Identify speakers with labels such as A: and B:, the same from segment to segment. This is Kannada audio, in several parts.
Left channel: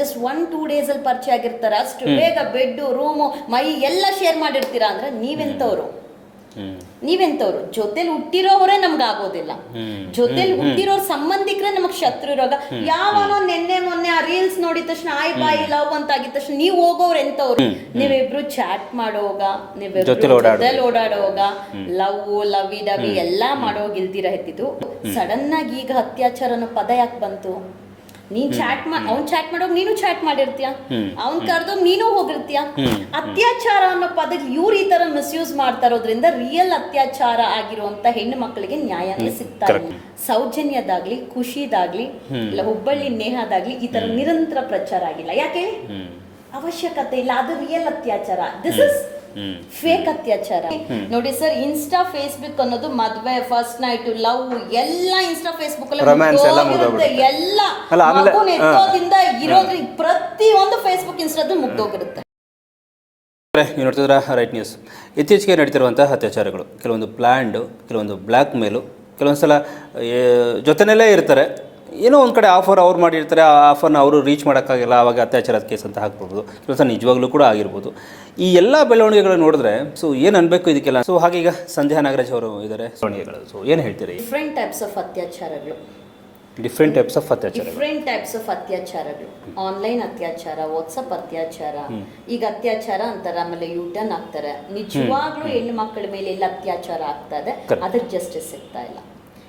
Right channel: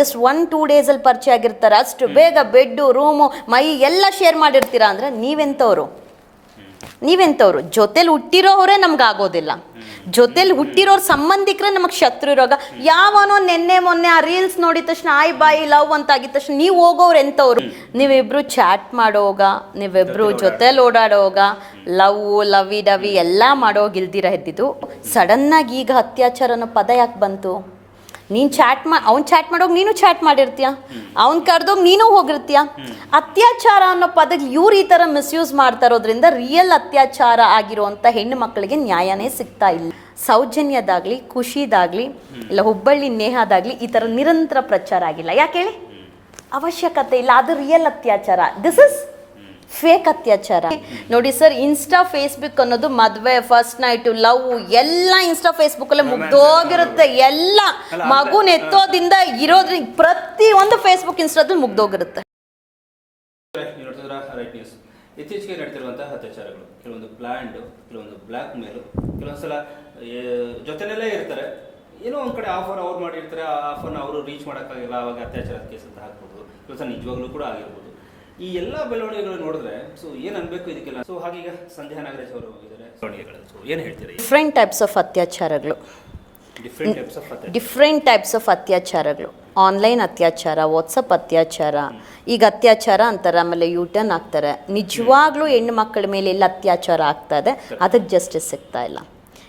A: ಜಸ್ಟ್ ಒನ್ ಟೂ ಡೇಸ್ ಅಲ್ಲಿ ಪರಿಚಯ ಆಗಿರ್ತಾರ. ಅಷ್ಟು ಬೇಗ ಬೆಡ್ ರೂಮು ಮೈ ಎಲ್ಲ ಶೇರ್ ಮಾಡಿರ್ತೀರಾ ಅಂದ್ರೆ ನೀವೆಂತವ್ರು? ನೀವೆಂತವ್ರು? ಜೊತೆಲಿ ಹುಟ್ಟಿರೋರೇ ನಮ್ಗೆ ಆಗೋದಿಲ್ಲ ಜೊತೆಲಿ ಹುಟ್ಟಿರೋರ್ ಸಂಬಂಧಿಕರೇ ನಮಗ್ ಶತ್ರು ಇರೋಗ ಯಾವನೋ ನಿನ್ನೆ ಮೊನ್ನೆ ಆ ರೀಲ್ಸ್ ನೋಡಿದ ತಕ್ಷಣ ಆಯ್ ಬಾಯಿ ಲವ್ ಅಂತ ಆಗಿದ ತಕ್ಷಣ ನೀವ್ ಹೋಗೋರು ಎಂತವ್ರು? ನೀವಿಬ್ರು ಚಾಟ್ ಮಾಡೋಗ ನೀವಿಬ್ರು
B: ಜೊತೆಲ್
A: ಓಡಾಡೋಗ ಲವ್ ಲವಿ ಡವಿ ಎಲ್ಲಾ ಮಾಡೋಗಿಲ್ದಿರ ಇದ್ದಿದ್ದು ಸಡನ್ ಆಗಿ ಈಗ ಅತ್ಯಾಚಾರ ಅನ್ನೋ ಪದ ಯಾಕೆ ಬಂತು? ನೀನ್ ಚಾಟ್ ಮಾ ಅವ್ನ್ ಚಾಟ್ ಮಾಡೋಗ್ ನೀನು ಚಾಟ್ ಮಾಡಿರ್ತೀಯ? ಅವ್ನ್ ಕರ್ದೋಗ್ ನೀನು ಹೋಗಿರ್ತೀಯ? ಅತ್ಯಾಚಾರ ಅನ್ನೋ ಪದ ಇವ್ರು ಈ ತರ ಮಿಸ್ಯೂಸ್ ಮಾಡ್ತಾ ಇರೋದ್ರಿಂದ ರಿಯಲ್ ಅತ್ಯಾಚಾರ ಆಗಿರುವಂತ ಹೆಣ್ಣು ಮಕ್ಕಳಿಗೆ ನ್ಯಾಯನೇ ಸಿಗ್ತಾ ಇಲ್ಲ. ಸೌಜನ್ಯದಾಗ್ಲಿ ಖುಷಿದಾಗ್ಲಿ ಇಲ್ಲ ಹುಬ್ಬಳ್ಳಿ ನೇಹದಾಗ್ಲಿ ಈ ತರ ನಿರಂತರ ಪ್ರಚಾರ ಆಗಿಲ್ಲ. ಯಾಕೆ ಅವಶ್ಯಕತೆ ಇಲ್ಲ. ಅದು ರಿಯಲ್ ಅತ್ಯಾಚಾರ. ದಿಸ್ ಇಸ್ ಫೇಕ್ ಅತ್ಯಾಚಾರ. ನೋಡಿ ಸರ್ ಇನ್ಸ್ಟಾ ಫೇಸ್ಬುಕ್ ಅನ್ನೋದು ಮದ್ವೆ ಫಸ್ಟ್ ನೈಟ್ ಲವ್ ಎಲ್ಲ ಇನ್ಸ್ಟಾ ಫೇಸ್ಬುಕ್ ಅಲ್ಲಿ ಮುಗ್ದೋಗಿರುತ್ತೆ.
B: ನೆತ್ತೋದಿಂದ
A: ಎಲ್ಲ ಮಗುನ ಎತ್ತೋದಿಂದ ಇರೋದ್ರ ಪ್ರತಿ ಒಂದು ಫೇಸ್ಬುಕ್ ಇನ್ಸ್ಟಾದಲ್ಲಿ ಮುಗ್ದೋಗಿರುತ್ತೆ.
B: ನೀವು ನೋಡ್ತಿದ್ರ ರೈಟ್ ನ್ಯೂಸ್ ಇತ್ತೀಚೆಗೆ ನಡೀತಿರುವಂತಹ ಅತ್ಯಾಚಾರಗಳು. ಕೆಲವೊಂದು ಪ್ಲ್ಯಾಂಡು ಕೆಲವೊಂದು ಬ್ಲ್ಯಾಕ್ ಮೇಲು ಕೆಲವೊಂದು ಸಲ ಜೊತೆನಲ್ಲೇ ಇರ್ತಾರೆ. ಏನೋ ಒಂದು ಕಡೆ ಆಫರ್ ಅವ್ರು ಮಾಡಿರ್ತಾರೆ ಆ ಆಫರ್ನ ಅವರು ರೀಚ್ ಮಾಡೋಕ್ಕಾಗಿಲ್ಲ ಆವಾಗ ಅತ್ಯಾಚಾರದ ಕೇಸ್ ಅಂತ ಹಾಕ್ಬೋದು. ಕೆಲಸ ನಿಜವಾಗ್ಲೂ ಕೂಡ ಆಗಿರ್ಬೋದು. ಈ ಎಲ್ಲ ಬೆಳವಣಿಗೆಗಳು ನೋಡಿದ್ರೆ ಸೊ ಏನು ಅನ್ಬೇಕು ಇದಕ್ಕೆಲ್ಲ? ಸೊ ಹಾಗೀಗ ಸಂಧ್ಯಾ ನಾಗರಾಜ್ ಅವರು ಇದ್ದಾರೆ ಬೆಳವಣಿಗೆಗಳು. ಸೊ ಏನು ಹೇಳ್ತೀರಿ?
A: ಡಿಫ್ರೆಂಟ್ ಟೈಪ್ಸ್ ಆಫ್ ಅತ್ಯಾಚಾರಗಳು.
B: ಡಿಫ್ರೆಂಟ್ ಟೈಪ್ಸ್ ಆಫ್ ಅತ್ಯಾಚಾರ
A: ಡಿಫ್ರೆಂಟ್ ಟೈಪ್ಸ್ ಆಫ್ ಅತ್ಯಾಚಾರಗಳು. ಆನ್ಲೈನ್ ಅತ್ಯಾಚಾರ ವಾಟ್ಸಪ್ ಅತ್ಯಾಚಾರ. ಈಗ ಅತ್ಯಾಚಾರ ಅಂತಾರೆ ಆಮೇಲೆ ಯೂಟರ್ನ್ ಆಗ್ತಾರೆ. ನಿಜವಾಗ್ಲೂ ಹೆಣ್ಣು ಮಕ್ಕಳ ಮೇಲೆ ಎಲ್ಲ ಅತ್ಯಾಚಾರ ಆಗ್ತಾ ಇದೆ. ಅದಕ್ಕೆ ಜಸ್ಟಿಸ್ ಸಿಗ್ತಾ ಇಲ್ಲ.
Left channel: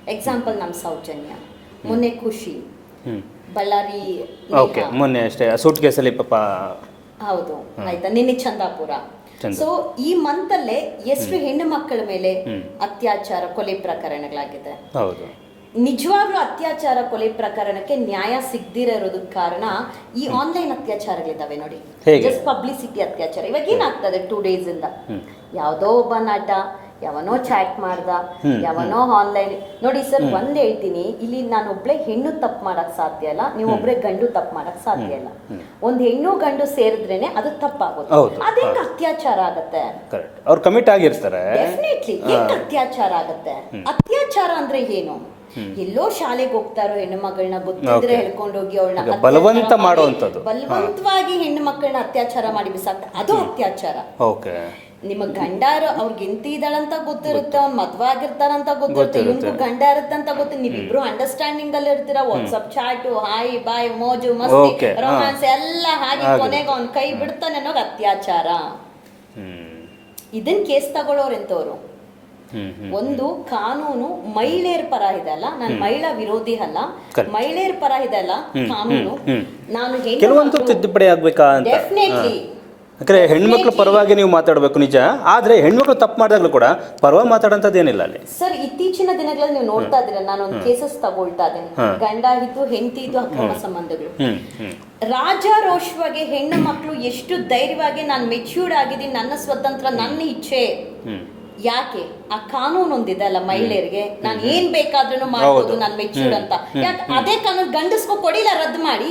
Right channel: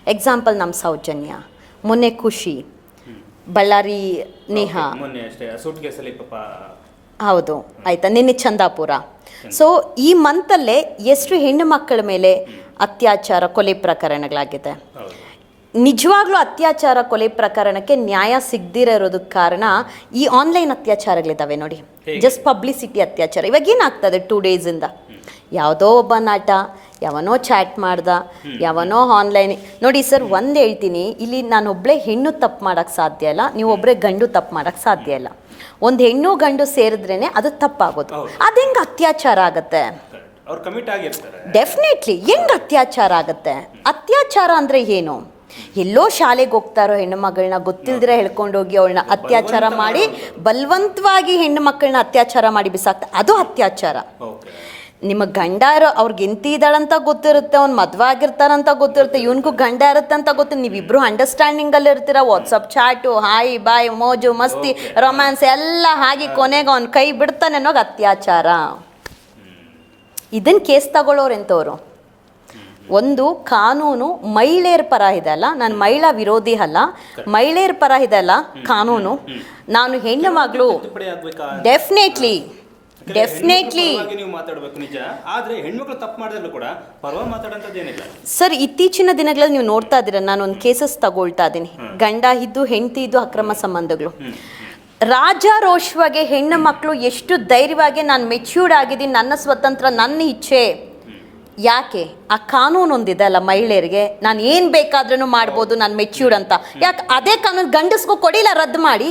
A: ಎಕ್ಸಾಂಪಲ್ ನಮ್ಮ ಸೌಜನ್ಯ. ಮೊನ್ನೆ ಖುಷಿ. ಬಳ್ಳಾರಿ ನೇಹ.
B: ಮೊನ್ನೆ ಅಷ್ಟೇ ಸೂಟ್ ಕೇಸಲ್ಲಿ ಪಾಪ
A: ಹೌದು ಆಯ್ತಾ ನಿನ್ನೆ ಚಂದಾಪುರ. ಸೊ ಈ ಮಂತಲ್ಲೇ ಎಷ್ಟು ಹೆಣ್ಣು ಮಕ್ಕಳ ಮೇಲೆ ಅತ್ಯಾಚಾರ ಕೊಲೆ ಪ್ರಕರಣಗಳಾಗಿದೆ. ನಿಜವಾಗ್ಲೂ ಅತ್ಯಾಚಾರ ಕೊಲೆ ಪ್ರಕರಣಕ್ಕೆ ನ್ಯಾಯ ಸಿಗದಿರ ಇರೋದಕ್ಕೆ ಕಾರಣ ಈ ಆನ್ಲೈನ್ ಅತ್ಯಾಚಾರಗಳಿದಾವೆ ನೋಡಿ. ಜಸ್ಟ್ ಪಬ್ಲಿಸಿಟಿ ಅತ್ಯಾಚಾರ. ಇವಾಗ ಏನಾಗ್ತದೆ ಟೂ ಡೇಸ್ ಇಂದ? ಯಾವುದೋ ಒಬ್ಬ ನಾಟ ಯಾವನೋ ಚಾಟ್ ಮಾಡ್ದ ಯಾವನೋ ಆನ್ಲೈನ್ ನೋಡಿ ಸರ್ ಒಂದ್ ಹೇಳ್ತೀನಿ ಇಲ್ಲಿ ನಾನು ಒಬ್ಳೆ ಹೆಣ್ಣು ತಪ್ಪು ಮಾಡಕ್ ಸಾಧ್ಯ ಇಲ್ಲ ನೀವು ಒಬ್ರೆ ಗಂಡು ತಪ್ಪು ಮಾಡಕ್ ಸಾಧ್ಯ ಇಲ್ಲ. ಒಂದ್ ಹೆಣ್ಣು ಗಂಡು ಸೇರಿದ್ರೇನೆ ಅದು ತಪ್ಪಾಗೋದು.
B: ಅದ್
A: ಹೆಂಗ್ ಅತ್ಯಾಚಾರ ಆಗತ್ತೆ?
B: ಅವ್ರು ಕಮಿಟ್ ಆಗಿರ್ತಾರೆ.
A: ಡೆಫಿನೆಟ್ಲಿ ಹೆಂಗ್ ಅತ್ಯಾಚಾರ ಆಗತ್ತೆ? ಅತ್ಯಾಚಾರ ಅಂದ್ರೆ ಏನು? ಎಲ್ಲೋ ಶಾಲೆಗೆ ಹೋಗ್ತಾರೋ ಹೆಣ್ಣು ಮಗಳನ್ನ ಗೊತ್ತಿದ್ರೆ ಹೇಳ್ಕೊಂಡು ಹೋಗಿ ಅವಳನ್ನ ಅತ್ಯಾಚಾರ ಮಾಡಿ ಬಲವಂತವಾಗಿ ಹೆಣ್ಣು ಮಕ್ಕಳನ್ನ ಅತ್ಯಾಚಾರ ಮಾಡಿ ಬಿಸಾಕ್ತ ಅದು ಅತ್ಯಾಚಾರ. ನಿಮ್ಮ ಗಂಡ ಇರೋ ಅವ್ರಿಗೆ ಎಂತಿ ಇದ್ದಾಳಂತ ಗೊತ್ತಿರುತ್ತೆ ಅವ್ನ್ ಮದ್ವೆ ಆಗಿರ್ತಾರಂತ ಗೊತ್ತಿರುತ್ತೆ ಇವನ್ಗೂ ಗಂಡ ಇರುತ್ತೆ ಅಂತ ಗೊತ್ತು ನೀವಿಬ್ರು ಅಂಡರ್ಸ್ಟ್ಯಾಂಡಿಂಗ್ ಅಲ್ಲಿ ಇರ್ತೀರಾ? ವಾಟ್ಸಪ್ ಚಾಟು ಹಾಯ್ ಬಾಯ್ ಮೋಜು ಮಸ್ತಿ
B: Okay, ಹಾ.
A: ರೊಮ್ಯಾನ್ಸ್ ಎಲ್ಲ ಹಾಗೆ ಕೊನೆಗೆ ಅವ್ನ್ ಕೈ ಬಿಡ್ತಾನೆ ಅನ್ನೋ ಅತ್ಯಾಚಾರ. ಇದನ್ ಕೇಸ್ ತಗೊಳ್ಳೋರು ಎಂತವ್ರು? ಒಂದು ಕಾನೂನು ಮಹಿಳೆಯರ ಪರ ಇದೆ ಅಲ್ಲ? ನಾನು ಮಹಿಳಾ ವಿರೋಧಿ ಅಲ್ಲ. ಮಹಿಳೆಯರ ಪರ ಇದೆ ಅಲ್ಲ ಕಾನೂನು? ನಾನು ಹೆಣ್ಣು
B: ಕೆಲವೊಂದು
A: ಮಗಳು
B: ತಿದ್ದುಪಡಿ ಆಗ್ಬೇಕಾ ಅಂತ.
A: ಡೆಫಿನೆಟ್ಲಿ
B: ಯಾಕಂದ್ರೆ ಹೆಣ್ಮಕ್ಳ ಪರವಾಗಿ ನೀವು ಮಾತಾಡಬೇಕು ನಿಜ. ಆದ್ರೆ ಹೆಣ್ಮಕ್ಳು ತಪ್ಪು ಮಾಡಿದಾಗಲೂ ಕೂಡ ಪರವಾಗಿ ಮಾತಾಡೋಂಥದ್ದು ಏನಿಲ್ಲ ಅಲ್ಲಿ.
A: ಸರ್ ಇತ್ತೀಚಿನ ದಿನಗಳಲ್ಲಿ ನೀವು ನೋಡ್ತಾ ಇದ್ದೀರಾ ಒಂದು ಕೇಸಸ್ ತಗೊಳ್ತಾ ಇದ್ದೀನಿ. ಗಂಡ ಇದ್ದು ಹೆಂಡತಿ ಇದ್ದು ಅಕ್ರಮ ಸಂಬಂಧಗಳು. ರಾಜಾರೋಷವಾಗಿ ಹೆಣ್ಣು ಮಕ್ಕಳು ಎಷ್ಟು ಧೈರ್ಯವಾಗಿ ನಾನು ಮೆಚ್ಯೂರ್ಡ್ ಆಗಿದ್ದೀನಿ ನನ್ನ ಸ್ವತಂತ್ರ ನನ್ನ ಇಚ್ಛೆ. ಯಾಕೆ? ಆ ಕಾನೂನು ಒಂದಿದೆ ಅಲ್ಲ ಮಹಿಳೆಯರಿಗೆ? ನಾನು ಏನ್ ಬೇಕಾದ್ರೂ ಮಾಡ್ಬೋದು ನಾನು ಮೆಚ್ಯೂರ್ಡ್ ಅಂತ. ಯಾಕೆ ಅದೇ ಕಾನೂನು ಗಂಡಸ್ಗೂ ಕೊಡಿಲ್ಲ ರದ್ದು ಮಾಡಿ.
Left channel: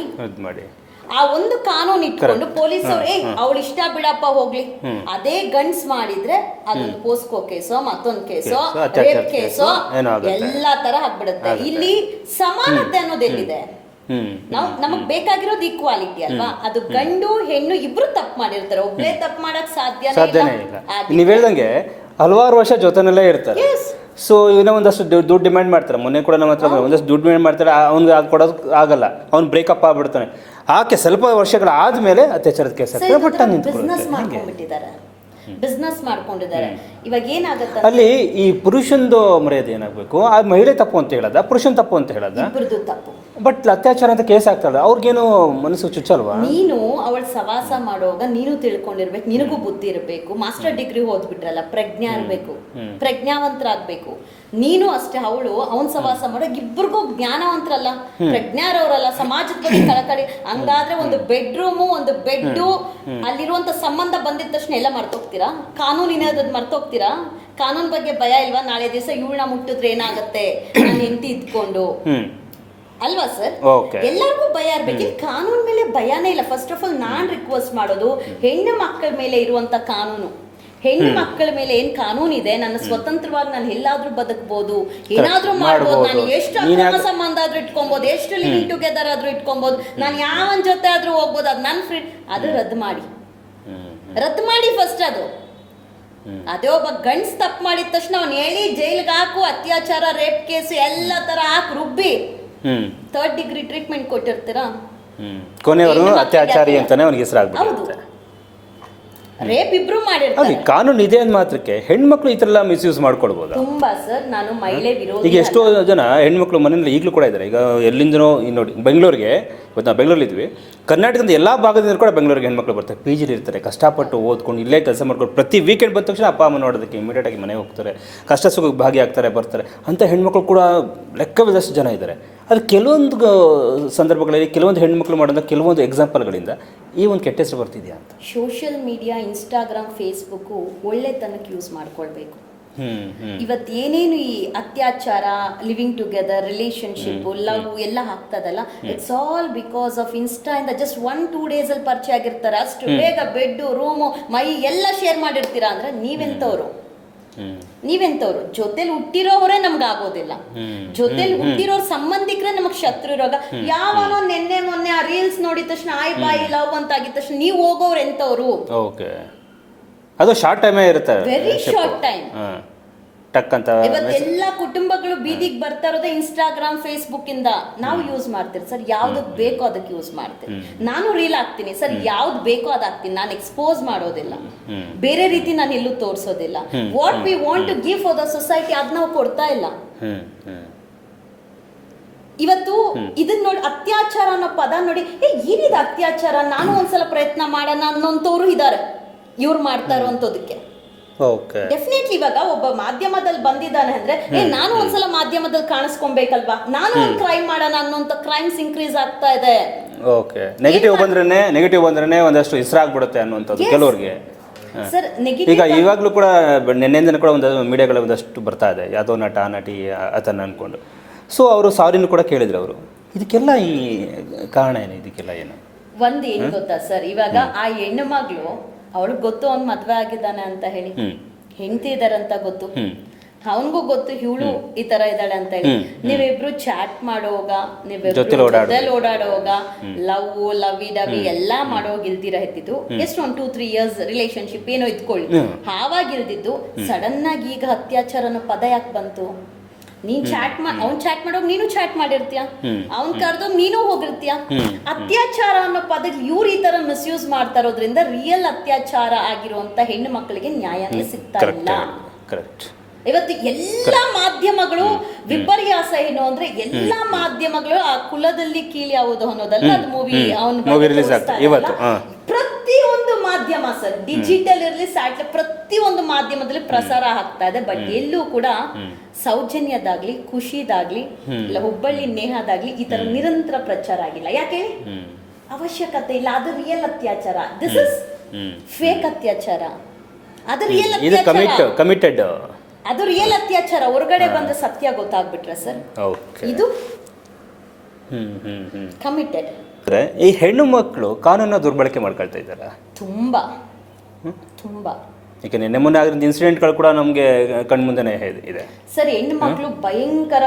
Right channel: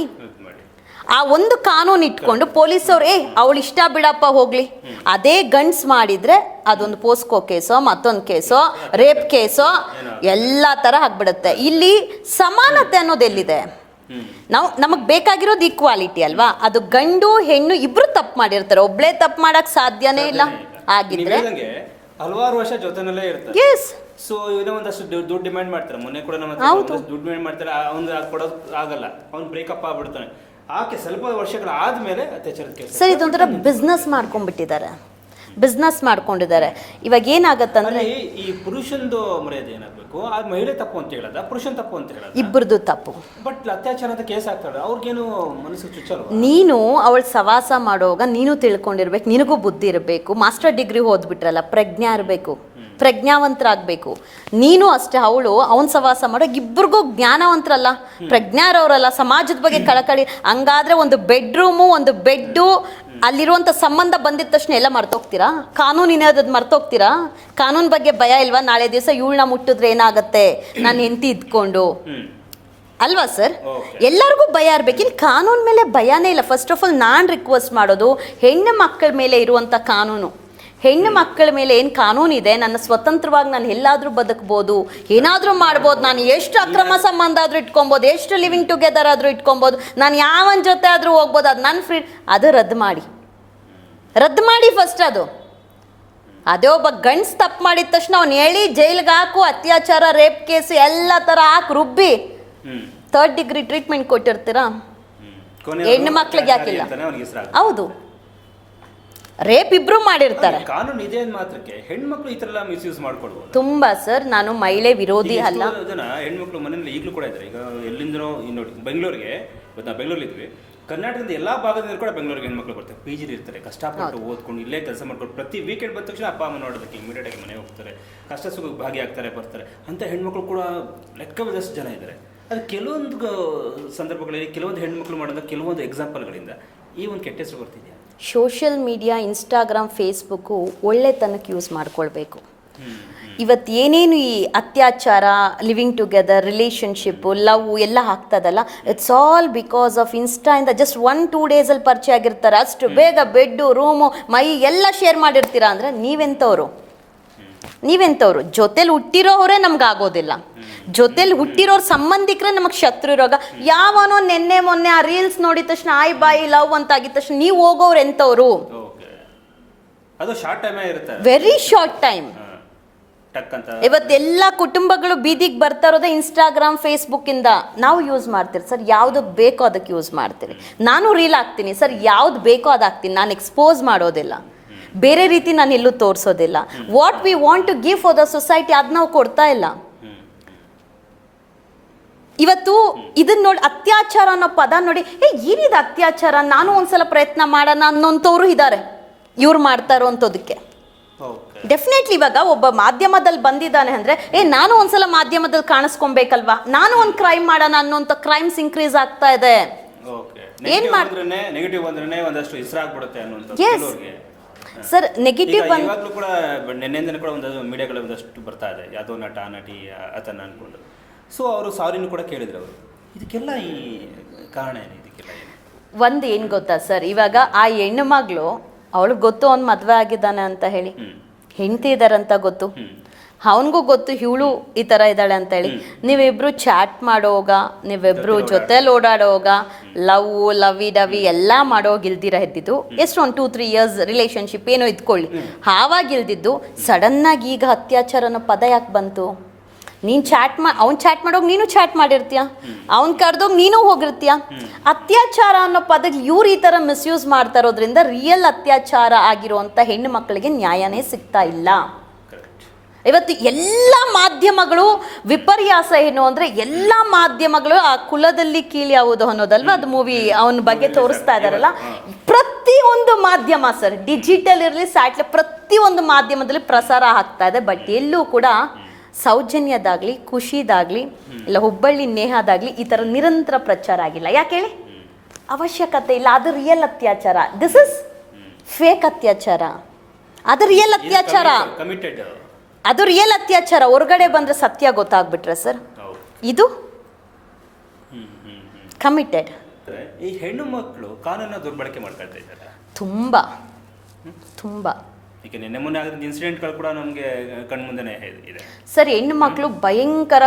A: ಆ ಒಂದು ಕಾನೂನು ಇಟ್ಕೊಂಡು ಪೊಲೀಸ್ ಅವ್ರು ಏ ಅವಳು ಇಷ್ಟ ಬಿಡಪ್ಪ ಹೋಗ್ಲಿ. ಅದೇ ಗಂಡ್ಸ್ ಮಾಡಿದ್ರೆ ಅದೊಂದು ಪೋಸ್ಕೋ ಕೇಸೋ ಮತ್ತೊಂದು ಕೇಸೋ ರೇಪ್ ಕೇಸೋ ಎಲ್ಲಾ ತರ ಆಗ್ಬಿಡುತ್ತೆ. ಇಲ್ಲಿ ಸಮಾನತೆ ಅನ್ನೋದು ಎಲ್ಲಿದೆ? ನಾವು ನಮಗ್ ಬೇಕಾಗಿರೋದು ಈಕ್ವಾಲಿಟಿ ಅಲ್ವಾ? ಅದು ಗಂಡು ಹೆಣ್ಣು ಇಬ್ರು ತಪ್ಪು ಮಾಡಿರ್ತಾರೆ. ಒಬ್ಳೇ ತಪ್ಪು ಮಾಡಕ್ ಸಾಧ್ಯನೇ ಇಲ್ಲ.
B: ನೀವ್ ಹೇಳ್ದಂಗೆ ಹಲವಾರು ವರ್ಷ ಜೊತೆನಲ್ಲೇ ಇರ್ತಾರೆ. ಸೊ ಇವನೇ ಒಂದಷ್ಟು ದುಡ್ಡು ದುಡ್ಡು ಡಿಮ್ಯಾಂಡ್ ಮಾಡ್ತಾರೆ. ಮೊನ್ನೆ ಕೂಡ ನಮ್ಮ ಹತ್ರ ಒಂದಷ್ಟು ದುಡ್ಡು ಡಿಮ್ಯಾಂಡ್ ಮಾಡ್ತಾರೆ. ಅವ್ನಿಗೆ ಅದು ಕೊಡೋದು ಆಗಲ್ಲ. ಅವ್ನು ಬ್ರೇಕಪ್ ಆಗ್ಬಿಡ್ತಾನೆ. ಆಕೆ ಸ್ವಲ್ಪ ವರ್ಷಗಳ ಆದ್ಮೇಲೆ ಅತ್ಯಾಚಾರದ ಕೇಸ್
A: ಸರ್ ಬಿಸ್ನೆಸ್ ಮಾಡ್ಕೊಂಡ್ಬಿಟ್ಟಿದ್ದಾರೆ. ಬಿಸ್ನೆಸ್ ಮಾಡ್ಕೊಂಡಿದ್ದಾರೆ. ಇವಾಗ ಏನಾಗತ್ತ
B: ಅಲ್ಲಿ ಈ ಪುರುಷಂದು ಮರ್ಯಾದೆ ಏನಾಗಬೇಕು? ಆ ಮಹಿಳೆ ತಪ್ಪು ಅಂತ ಹೇಳದ? ಪುರುಷನ್ ತಪ್ಪು ಅಂತ ಹೇಳದ?
A: ಇಬ್ಬರದು ತಪ್ಪು.
B: ಬಟ್ ಅತ್ಯಾಚಾರ ಅಂತ ಕೇಸ್ ಆಗ್ತಾಳೆ ಅವ್ರಿಗೇನು ಮನಸ್ಸು ಚುಚ್ಚಲ್ವಾ?
A: ನೀನು ಅವಳ ಸವಾಸ ಮಾಡುವಾಗ ನೀನು ತಿಳ್ಕೊಂಡಿರ್ಬೇಕು ನಿನಗೂ ಬುದ್ಧಿ ಇರಬೇಕು. ಮಾಸ್ಟರ್ ಡಿಗ್ರಿ ಓದ್ಬಿಟ್ರಲ್ಲ ಪ್ರಜ್ಞಾ ಇರಬೇಕು. ಪ್ರಜ್ಞಾವಂತರಾಗಬೇಕು. ನೀನು ಅಷ್ಟೇ ಅವಳು ಅವನ್ ಸವಾಸ ಮಾಡೋ ಇಬ್ಬರಿಗೂ ಜ್ಞಾನವಂತರಲ್ಲ. ಪ್ರಜ್ಞಾರವ್ರಲ್ಲ ಸಮಾಜದ ಬಗ್ಗೆ ಕಳಕಳಿ. ಹಂಗಾದ್ರೆ ಒಂದು ಬೆಡ್ರೂಮು ಒಂದು ಬೆಡ್ಡು ಅಲ್ಲಿರುವಂತ ಸಂಬಂಧ ಬಂದಿದ ತಕ್ಷಣ ಎಲ್ಲ ಮರ್ತೋಗ್ತೀರಾ ಅದ್ ಮರ್ತೋಗ್ತೀರಾ? ಕಾನೂನ್ ಬಗ್ಗೆ ಭಯ ಇಲ್ವಾ? ನಾಳೆ ದಿವಸ ಇವಳನ್ನ ಮುಟ್ಟಿದ್ರೆ ಏನಾಗತ್ತೆ? ನಾನು ಹೆಂಡತಿ ಇದ್ಕೊಂಡು. ಅಲ್ವಾ ಸರ್? ಎಲ್ಲರಿಗೂ ಭಯ ಇರ್ಬೇಕು. ಇಲ್ಲಿ ಕಾನೂನ್ ಮೇಲೆ ಭಯನೇ ಇಲ್ಲ. ಫಸ್ಟ್ ಆಫ್ ಆಲ್ ನಾನ್ ರಿಕ್ವೆಸ್ಟ್ ಮಾಡೋದು ಹೆಣ್ಣು ಮಕ್ಕಳ ಮೇಲೆ ಇರುವಂತ ಕಾನೂನು. ಹೆಣ್ಣು ಮಕ್ಕಳ ಮೇಲೆ ಏನ್ ಕಾನೂನು ಇದೆ? ನನ್ನ ಸ್ವತಂತ್ರವಾಗಿ ನಾನು ಎಲ್ಲಾದ್ರೂ ಬದುಕಬಹುದು ಏನಾದ್ರೂ ಮಾಡ್ಬೋದು. ನಾನು ಎಷ್ಟು ಅಕ್ರಮ ಸಂಬಂಧ ಆದ್ರೂ ಇಟ್ಕೊಬಹುದು ಎಷ್ಟು ಲಿವಿಂಗ್ ಟುಗೆದರ್ ಆದ್ರೂ ಇಟ್ಕೊಬಹುದು ನಾನು ಯಾವನ್ ಜೊತೆ ಆದ್ರೂ ಹೋಗ್ಬೋದು. ಅದು ನನ್ನ ಫ್ರೀ ಅದು ರದ್ದು ಮಾಡಿ. ರದ್ದು ಮಾಡಿ ಫಸ್ಟ್ ಅದು. ಅದೇ ಒಬ್ಬ ಗಂಡ್ಸ್ ತಪ್ಪು ಮಾಡಿದ ತಕ್ಷಣ ಅವ್ನು ಹೇಳಿ ಜೈಲ್ಗೆ ಹಾಕು ಅತ್ಯಾಚಾರ ರೇಪ್ ಕೇಸ್ ಎಲ್ಲ ತರ ಹಾಕಿ ರುಬ್ಬಿ. ಥರ್ಡ್ ಡಿಗ್ರಿ ಟ್ರೀಟ್ಮೆಂಟ್ ಕೊಟ್ಟಿರ್ತೀರಾ? ಹೆಣ್ಣು
B: ಅತ್ಯಾಚಾರಿ. ಅಂತಾನೆ ಅವ್ನಿಗೆ ಹೆಸರಾಗ್ತದೆ
A: ಹೌದು. ರೇಪ್ ಇಬ್ರು ಮಾಡಿರ್ತಾರೆ.
B: ಕಾನೂನು ಇದೆ ಅಂದ ಮಾತ್ರಕ್ಕೆ ಹೆಣ್ಮಕ್ಳು ಈ ತರ ಎಲ್ಲ ಮಿಸ್ಯೂಸ್ ಮಾಡ್ಕೊಳ್ಬೋದು
A: ತುಂಬಾ ಸರ್ ನಾನು ಮಹಿಳೆ ವಿರೋಧಿ
B: ಈಗ ಎಷ್ಟೋ ಜನ ಹೆಣ್ಮಕ್ಳು ಮನೇಲಿ ಈಗಲೂ ಕೂಡ ಇದ್ದಾರೆ. ಈಗ ಎಲ್ಲಿಂದನೋ ನೋಡಿ ಬೆಂಗಳೂರಿಗೆ ಗೊತ್ತಾ? ನಾವು ಬೆಂಗಳೂರಲ್ಲಿ ಇದ್ವಿ. ಕರ್ನಾಟಕದ ಎಲ್ಲ ಭಾಗದಿಂದ ಕೂಡ ಬೆಂಗಳೂರಿಗೆ ಹೆಣ್ಮಕ್ಳು ಬರ್ತಾರೆ. ಪಿ ಜಿಲಿ ಇರ್ತಾರೆ. ಕಷ್ಟಪಟ್ಟು ಓದ್ಕೊಂಡು ಇಲ್ಲೇ ಕೆಲಸ ಮಾಡ್ಕೊಂಡು ಪ್ರತಿ ವೀಕೆಂಡ್ ಬಂದ ತಕ್ಷಣ ಅಪ್ಪ ಅಮ್ಮ ನೋಡೋದಕ್ಕೆ ಇಮಿಡಿಯೇಟ್ ಆಗಿ ಮನೆಗೆ ಹೋಗ್ತಾರೆ. ಕಷ್ಟ ಸುಖಕ್ಕೆ ಭಾಗಿಯಾಗ್ತಾರೆ ಬರ್ತಾರೆ. ಅಂತ ಹೆಣ್ಮಕ್ಳು ಕೂಡ ಲೆಕ್ಕವಿದಷ್ಟು ಜನ ಇದ್ದಾರೆ. ಅದು ಕೆಲವೊಂದು ಸಂದರ್ಭಗಳಲ್ಲಿ ಕೆಲವೊಂದು ಹೆಣ್ಮಕ್ಳು ಮಾಡೋದ ಕೆಲವೊಂದು ಎಕ್ಸಾಂಪಲ್ಗಳಿಂದ ಈ ಒಂದು ಕೆಟ್ಟ ಹೆಸರು ಬರ್ತಿದೆಯಾ ಅಂತ?
A: ಸೋಷಿಯಲ್ ಮೀಡಿಯಾ ಇನ್ಸ್ಟಾಗ್ರಾಮ್ ಫೇಸ್ಬುಕ್ಕು ಒಳ್ಳೆತನಕ್ಕೆ ಯೂಸ್ ಮಾಡ್ಕೊಳ್ಬೇಕು. ಇವತ್ತು ಏನೇನು ಈ ಅತ್ಯಾಚಾರ ಲಿವಿಂಗ್ ಟುಗೆದರ್ ರಿಲೇಶನ್ಶಿಪ್ ಲವ್ ಎಲ್ಲ ಆಗ್ತದಲ್ಲ it's all because of insta ಇಂದ ಜಸ್ಟ್ ಒನ್ ಟೂ ಡೇಸ್ ಅಲ್ಲಿ ಪರಿಚಯ ಆಗಿರ್ತಾರೆ. ಅಷ್ಟು ಬೇಗ ಬೆಡ್ ರೂಮು ಮೈ ಎಲ್ಲ ಶೇರ್ ಮಾಡಿರ್ತೀರಾ ಅಂದ್ರೆ ನೀವೆಂತವ್ರು?
B: ಹ್ಮ್
A: ನೀವೆಂತವ್ರು? ಜೊತೆಲಿ ಹುಟ್ಟಿರೋರೇ ನಮ್ಗೆ ಆಗೋದಿಲ್ಲ ಜೊತೆಲಿ ಹುಟ್ಟಿರೋ ಸಂಬಂಧಿಕರೇ ನಮಗೆ ಶತ್ರು ರೋಗ. ಯಾವನೋ ನಿನ್ನೆ ಮೊನ್ನೆ ಆ ರೀಲ್ಸ್ ನೋಡಿದ ತಕ್ಷಣ ಆಯ್ ಬಾಯಿ ಲವ್ ಅಂತ ಆಗಿದ ತಕ್ಷಣ ನೀವು ಹೋಗೋರು ಎಂತವ್ರು?
B: ಅದು ಶಾರ್ಟ್ ಟೈಮೇ ಇರುತ್ತೆ.
A: ವೆರಿ ಶಾರ್ಟ್ ಟೈಮ್
B: ಟಕ್ ಅಂತ
A: ಇವತ್ತೆಲ್ಲ ಕುಟುಂಬಗಳು ಬೀದಿಗೆ ಬರ್ತಾ ಇರೋದೇ ಇನ್ಸ್ಟಾಗ್ರಾಮ್ ಫೇಸ್ಬುಕ್ ಇಂದ. ನಾವು ಯೂಸ್ ಮಾಡ್ತೀರಿ. ಸರ್ ಯಾವ್ದು ಬೇಕೋ ಅದಕ್ಕೆ ಯೂಸ್ ಮಾಡ್ತೀನಿ ನಾನು ರೀಲ್ ಹಾಕ್ತೀನಿ. ಸರ್ ಯಾವ್ದು ಬೇಕೋ ಅದು ಹಾಕ್ತೀನಿ. ನಾನು ಎಕ್ಸ್ಪೋಸ್ ಮಾಡೋದಿಲ್ಲ. ಬೇರೆ ರೀತಿ ನಾನು ಎಲ್ಲೂ ತೋರಿಸೋದಿಲ್ಲ. What we want to give for the society ಅದ್ ನಾವು ಕೊಡ್ತಾ ಇಲ್ಲ. ಇವತ್ತು ಇದನ್ನ ನೋಡಿ ಅತ್ಯಾಚಾರ ಅನ್ನೋ ಪದ ನೋಡಿ ಏ ಏನಿದೆ ಅತ್ಯಾಚಾರ? ನಾನು ಒಂದ್ಸಲ ಪ್ರಯತ್ನ ಮಾಡೋಣ ಅನ್ನೋಂಥವ್ರು ಇದ್ದಾರೆ ಇವ್ರು ಮಾಡ್ತಾ
B: ಅಂತದಕ್ಕೆ
A: ಡೆಫಿನೆಟ್ಲಿ ಇವಾಗ ಒಬ್ಬ ಮಾಧ್ಯಮದಲ್ಲಿ ಬಂದಿದ್ದಾನೆ ಅಂದ್ರೆ ಏ ನಾನು ಒಂದ್ಸಲ ಮಾಧ್ಯಮದಲ್ಲಿ ಕಾಣಿಸ್ಕೊಬೇಕಲ್ವಾ? ನಾನು ಒಂದ್ ಕ್ರೈಮ್ ಮಾಡೋಣ ಅನ್ನೋಂತ ಕ್ರೈಮ್ಸ್ ಇನ್ಕ್ರೀಸ್ ಆಗ್ತಾ ಇದೆ.
B: ಓಕೆ ನೆಗೆಟಿವ್ ಬಂದ್ರೆ ನೆಗೆಟಿವ್ ಬಂದ್ರೆ ಒಂದಷ್ಟು ಹೆಸರಾಗ್ಬಿಡುತ್ತೆ ಅನ್ನುವಂಥದ್ದು. ಕೆಲವ್ರಿಗೆ.
A: ಸರ್
B: ಈಗ
A: ನೆಗೆಟಿವ್
B: ಇವಾಗಲೂ ಕೂಡ ನಿನ್ನೆಂದಿನ ಕೂಡ ಒಂದು ಮೀಡಿಯಾಗಳು ಒಂದಷ್ಟು ಬರ್ತಾ ಇದೆ. ಯಾವುದೋ ನಟ ನಟಿ ಆತನ ಅನ್ಕೊಂಡು. ಸೊ ಅವರು ಸಾರಿನೂ ಕೂಡ ಕೇಳಿದ್ರು ಅವರು. ಇದಕ್ಕೆಲ್ಲ ಈ ಕಾರಣ ಏನು? ಇದಕ್ಕೆಲ್ಲ ಏನು?
A: ಒಂದ್ ಏನ್ ಗೊತ್ತಾ ಸರ್ ಇವಾಗ ಆ ಹೆಣ್ಣು ಮಗಳು ಅವಳಿಗೆ ಗೊತ್ತು ಅವ್ನ್ ಮದ್ವೆ ಆಗಿದ್ದಾನೆ ಅಂತ ಹೇಳಿ. ಹೆಂಡತಿ ಇದಾರಂತ ಗೊತ್ತು. ಅವನ್ಗೂ ಗೊತ್ತು ಇವಳು ಈ ತರ ಇದ್ದಾಳೆ ಅಂತ ಹೇಳಿ. ನೀವಿಬ್ರು ಚಾಟ್ ಮಾಡೋಗ ನೀವಿಬ್ರು
B: ಜೊತೆಲ್ ಓಡಾಡೋಗ.
A: ಲವ್ ಲವಿ ಡವಿ ಎಲ್ಲಾ ಮಾಡೋಗ ಇಲ್ದಿರ ಇದ್ದಿದ್ದು. ಎಷ್ಟು ಒಂದ್ ಟೂ ತ್ರೀ ಇಯರ್ಸ್ ರಿಲೇಶನ್ಶಿಪ್ ಏನೋ ಇದ್ಕೊಳ್ಳಿ. ಆವಾಗ ಇಲ್ದಿದ್ದು ಸಡನ್ ಆಗಿ ಈಗ ಅತ್ಯಾಚಾರ ಅನ್ನೋ ಪದ ಯಾಕೆ ಬಂತು? ನೀನ್ ಚಾಟ್ ಮಾ ಅವ್ನ್ ಚಾಟ್ ಮಾಡೋಗ್ ನೀನು ಚಾಟ್ ಮಾಡಿರ್ತೀಯ? ಅವ್ನ್ ಕರ್ದೋಗ್ ನೀನು ಹೋಗಿರ್ತೀಯ? ಅತ್ಯಾಚಾರ ಅನ್ನೋ ಪದ ಇವ್ರು ಈ ತರ ಮಿಸ್ಯೂಸ್ ಮಾಡ್ತಾ ಇರೋದ್ರಿಂದ ರಿಯಲ್ ಅತ್ಯಾಚಾರ ಆಗಿರುವಂತ ಹೆಣ್ಣು ಮಕ್ಕಳಿಗೆ ನ್ಯಾಯನೇ ಸಿಗ್ತಾ ಇಲ್ಲ.
B: ಕರೆಕ್ಟ್
A: ಇವತ್ತು ಎಲ್ಲ ಮಾಧ್ಯಮಗಳು ವಿಪರ್ಯಾಸ ಏನು ಅಂದ್ರೆ ಎಲ್ಲಾ ಮಾಧ್ಯಮಗಳು ಆ ಕುಲದಲ್ಲಿ ಕೀಳಿ ಯಾವುದು ಅನ್ನೋದಲ್ಲ ಅದು ಮೂವಿ ಅವನ ಬಗ್ಗೆ ತೋರಿಸ್ತಾ
B: ಇರಲ್ಲ
A: ಪ್ರತಿಯೊಂದು ಮಾಧ್ಯಮ ಸರ್ ಡಿಜಿಟಲ್ ಇರಲಿ ಸ್ಯಾಟ್ಲೈಟ್ ಪ್ರತಿಯೊಂದು ಮಾಧ್ಯಮದಲ್ಲಿ ಪ್ರಸಾರ ಆಗ್ತಾ ಇದೆ. ಬಟ್ ಎಲ್ಲೂ ಕೂಡ ಸೌಜನ್ಯದಾಗ್ಲಿ ಖುಷಿದಾಗ್ಲಿ ಇಲ್ಲ ಹುಬ್ಬಳ್ಳಿ ನೇಹದಾಗ್ಲಿ ಈ ತರ ನಿರಂತರ ಪ್ರಚಾರ ಆಗಿಲ್ಲ. ಯಾಕೆ ಹೇಳಿ? ಅವಶ್ಯಕತೆ ಇಲ್ಲ. ಅದು ರಿಯಲ್ ಅತ್ಯಾಚಾರ. ದಿಸ್ ಇಸ್ ಫೇಕ್ ಅತ್ಯಾಚಾರ. ಅದು ರಿಯಲ್ ಅತ್ಯಾಚಾರ.
B: ಕಮಿಟ್ ಕಮಿಟೆಡ್
A: ಅದು ರಿಯಲ್ ಅತ್ಯಾಚಾರ. ಹೊರಗಡೆ ಬಂದ್ರೆ ಸತ್ಯ ಗೊತ್ತಾಗ್ಬಿಟ್ರೆ ಸರ್. ಇದು ಕಮಿಟೆಡ್
B: ಅಂದ್ರೆ ಈ ಹೆಣ್ಣು ಮಕ್ಕಳು ಕಾನೂನ ದುರ್ಬಳಕೆ ಮಾಡ್ಕೊಳ್ತಾ ಇದ್ದಾರೆ?
A: ತುಂಬಾ. ತುಂಬಾ.
B: ಈಗ ನಿನ್ನೆ ಮೊನ್ನೆ ಇನ್ಸಿಡೆಂಟ್ಗಳು ಕೂಡ ನಮಗೆ ಕಣ್ಮುಂದೆನೇ ಇದೆ.
A: ಸರ್ ಹೆಣ್ಣು ಮಕ್ಕಳು ಭಯಂಕರ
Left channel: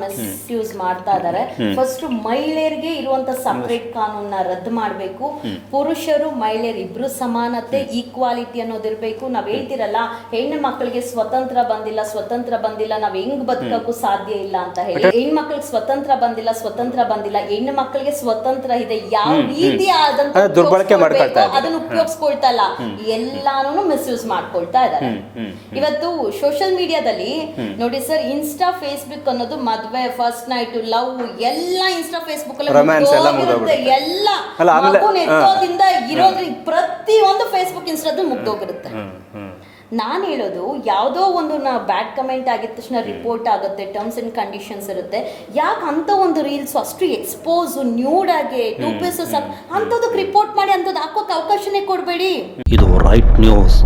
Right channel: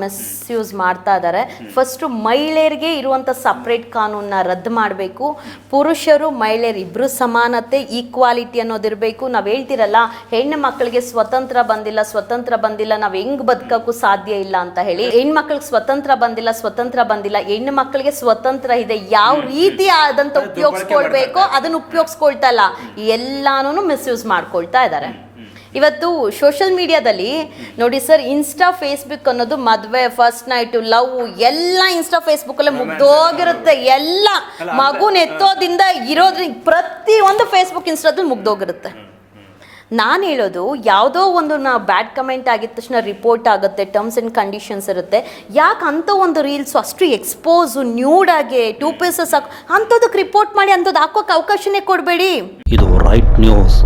A: ಮಿಸ್ ಯೂಸ್ ಮಾಡ್ತಾ ಇದ್ದಾರೆ ಫಸ್ಟ್ ಮಹಿಳೆಯರಿಗೆ ಇರುವಂತ ಸಪರೇಟ್ ಕಾನೂನ ರದ್ದು ಮಾಡಬೇಕು. ಪುರುಷರು ಮಹಿಳೆಯರು ಇಬ್ರು ಸಮಾನತೆ ಈಕ್ವಾಲಿಟಿ ಅನ್ನೋದಿರಬೇಕು ನಾವ್ ಹೇಳ್ತಿರಲ್ಲ ಹೆಣ್ಣು ಮಕ್ಕಳಿಗೆ ಸ್ವತಂತ್ರ ಬಂದಿಲ್ಲ ಸ್ವತಂತ್ರ ಬಂದಿಲ್ಲ ನಾವ್ ಹೆಂಗ್ ಬದುಕಕ್ಕೂ ಸಾಧ್ಯ ಇಲ್ಲ ಅಂತ ಹೇಳಿ. ಹೆಣ್ಮಕ್ಳಿಗೆ ಸ್ವತಂತ್ರ ಬಂದಿಲ್ಲ ಸ್ವತಂತ್ರ ಬಂದಿಲ್ಲ ಹೆಣ್ಣು ಮಕ್ಕಳಿಗೆ ಸ್ವತಂತ್ರ ಇದೆ ಯಾವ ರೀತಿ ಆದಂತ. ಅದನ್ನ ಉಪಯೋಗಿಸ್ಕೊಳ್ತಾ ಇಲ್ಲ. ಎಲ್ಲಾನು ಮಿಸ್ಯೂಸ್ ಮಾಡ್ಕೊಳ್ತಾ ಇದ್ದಾರೆ. ಇವತ್ತು ಸೋಷಿಯಲ್ ಮೀಡಿಯಾದಲ್ಲಿ ನೋಡಿ ಸರ್ ಇನ್ಸ್ಟಾ ಫೇಸ್ಬುಕ್ ಅನ್ನೋದು ಮದ್ವೆ ಫಸ್ಟ್ ನೈಟ್ ಲವ್ ಎಲ್ಲ ಇನ್ಸ್ಟಾ ಫೇಸ್ಬುಕ್ ಅಲ್ಲಿ
B: Romance ಎಲ್ಲ
A: ಮುಗ್ದೋಗಿರುತ್ತೆ. ಎಲ್ಲ ಮಗು ನೆತ್ತೋದಿಂದ ಇರೋದ್ರ ಪ್ರತಿ ಒಂದು ಫೇಸ್ಬುಕ್ ಇನ್ಸ್ಟಾದಲ್ಲಿ ಮುಗ್ದೋಗಿರುತ್ತೆ. ನಾನು ಹೇಳೋದು ಯಾವುದೋ ಒಂದು ನಾ ಬ್ಯಾಡ್ ಕಮೆಂಟ್ ಆಗಿದ ತಕ್ಷಣ ರಿಪೋರ್ಟ್ ಆಗುತ್ತೆ ಟರ್ಮ್ಸ್ ಅಂಡ್ ಕಂಡೀಷನ್ಸ್ ಇರುತ್ತೆ. ಯಾಕೆ ಅಂತ ಒಂದು ರೀಲ್ಸ್ ಅಷ್ಟು ಎಕ್ಸ್ಪೋಸ್ ನ್ಯೂಡ್ ಆಗಿ ಟೂ ಪೀಸಸ್ ಅಂಥದಕ್ಕೆ ರಿಪೋರ್ಟ್ ಮಾಡಿ ಅಂಥದ್ದು ಹಾಕೋಕೆ ಅವಕಾಶನೇ ಕೊಡಬೇಡಿ.
C: ಇದು ರೈಟ್ ನ್ಯೂಸ್